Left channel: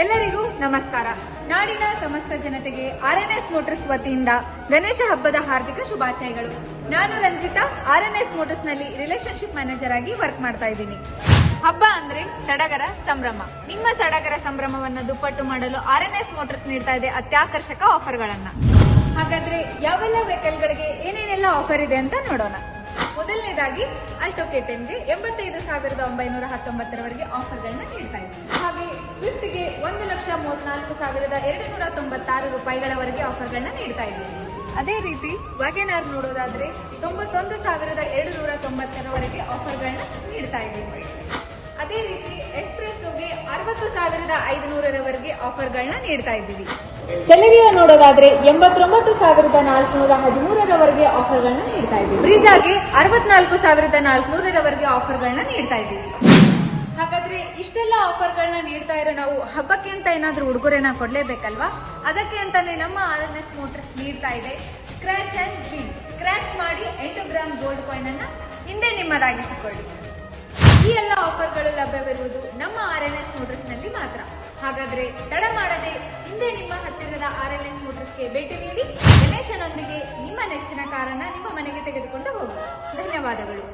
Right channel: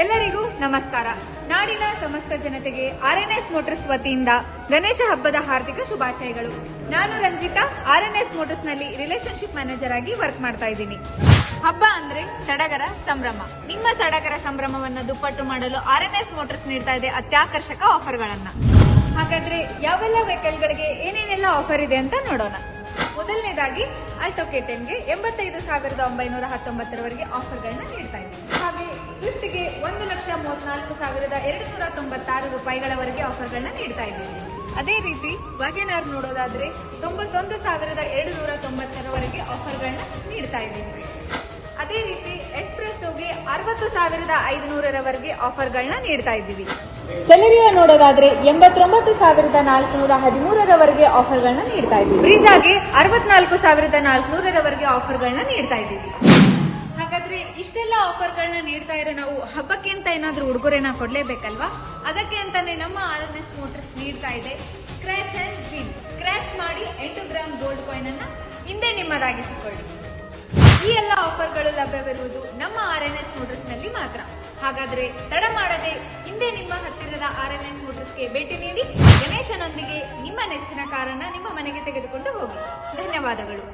ಎಲ್ಲರಿಗೂ ನಮಸ್ಕಾರ. ನಾಡಿನ ಸಮಸ್ತ ಜನತೆಗೆ ಆರ್ಎನ್ಎಸ್ ಮೋಟರ್ಸ್ ವತಿಯಿಂದ ಗಣೇಶ ಹಬ್ಬದ ಹಾರ್ದಿಕ ಶುಭಾಶಯಗಳು. ನಾನು ರಂಜಿತಾ, ಆರ್ಎನ್ಎಸ್ ಮೋಟರ್ಸ್ ನಲ್ಲಿ ರಿಲೇಶನ್ಶಿಪ್ ಮ್ಯಾನೇಜರ್ ಆಗಿ ವರ್ಕ್ ಮಾಡ್ತಾ ಇದ್ದೀನಿ. ಹಬ್ಬ ಅಂದ್ರೆ ಸಡಗರ ಸಂಭ್ರಮ. ನಿಮ್ಮ ಸಡಗರ ಸಂಭ್ರಮವನ್ನು ದುಪ್ಪಟ್ಟು ಮಾಡಲು ಆರ್ಎನ್ಎಸ್ ಮೋಟರ್ಸ್ ನೀಡ್ತಾ ಇದೆ ಅತ್ಯಾಕರ್ಷಕ ಆಫರ್ಗಳನ್ನ. ಹಾಗಾದ್ರೆ ಯಾವೆಲ್ಲ ವೆಹಿಕಲ್ ಗಳಿಗೆ ಏನೇನೆಲ್ಲ ಆಫರ್ ಇದೆ ಅಂತ ನೋಡೋಣ. ಮೊದಲನೇದಾಗಿ ಆಲ್ಟೋ K10ಗೆ 85,919 ಆಫರ್ಗಳನ್ನ ನೀಡ್ತಾ ಇದೆ. ಹಾಗೆ ಸ್ವಿಫ್ಟ್ಗೆ 1,34,296 ರೂಪಾಯಿಗಳವರೆಗೆ ಆಫರ್ಗಳನ್ನ ನೀಡ್ತಾ ಇದ್ದೀವಿ. ಅದೇ ರೀತಿ ವ್ಯಾಗನರ್ ನೋಡೋದಾದ್ರೆ 91,290 ಆಫರ್ಗಳನ್ನ ನೀಡ್ತಾ ಇದ್ದೀವಿ. ಅದೇ ರೀತಿ ಎಕ್ಸ್ಪ್ರೆಸ್ಸೋಗೆ 60,500 ಆಫರ್ಗಳನ್ನ ನೀಡ್ತಾ ಇದ್ದೀವಿ. ಸೆಲೆರಿಯೋ ನೋಡೋದಾದ್ರೆ 89,413 ಆಫರ್ಗಳನ್ನ ನೀಡ್ತಾ ಇದ್ದೀವಿ. ಬ್ರೀಜಾಗೆ 64,400 ಆಫರ್ಗಳನ್ನ ನೀಡ್ತಾ ಇದ್ದೀವಿ. ಹಾಗಾದ್ರೆ ಇಷ್ಟೆಲ್ಲ ಆಫರ್ಗಳನ್ನ ನೀಡ್ತಾ ಇರೋ ನಾವು ಹಬ್ಬಕ್ಕೆ ಅಂತ ಏನಾದ್ರೂ ಉಡುಗೊರೆನ ಕೊಡ್ಲೇಬೇಕಲ್ವಾ? ಅದಕ್ಕೆ ಅಂತಾನೆ ನಮ್ಮ ಆರ್ಎನ್ಎಸ್ ಮೋಟರ್ಸ್ ನೀಡ್ತಾ ಇದೆ ಸ್ಕ್ರಾಚ್ ಅಂಡ್ ವಿನ್. ಸ್ಕ್ರಾಚ್ ಮಾಡಿ 8 ಗ್ರಾಮ್ ಗೋಲ್ಡ್ ಕಾಯಿನ್ ಅನ್ನ ಹಿಂದೆ ನಿಮ್ಮದಾಗಿಸಿಕೊಳ್ಳಿ. ಈ ಎಲ್ಲ ಆಫರ್ಗಳು ಲಭ್ಯವಿರುವುದು ನಮ್ಮ ಆರ್ಎನ್ಎಸ್ ಮೋಟರ್ಸ್ ನಲ್ಲಿ ಮಾತ್ರ. ಹಾಗಾದ್ರೆ ತಡ ಮಾಡದೆ ಹಿಂದೆ ನಿಮ್ಮ ಹತ್ತಿರದ ಆರ್ಎನ್ಎಸ್ ಮೋಟರ್ಸ್ಗೆ ಭೇಟಿ ನೀಡಿ ಗಣೇಶನೊಂದಿಗೆ ನಿಮ್ಮ ನೆಚ್ಚಿನ ಕಾರನ್ನ ನಿಮ್ಮ ಮನೆಗೆ ತೆಗೆದುಕೊಂಡು ಹೋಗಿ. ಧನ್ಯವಾದಗಳು.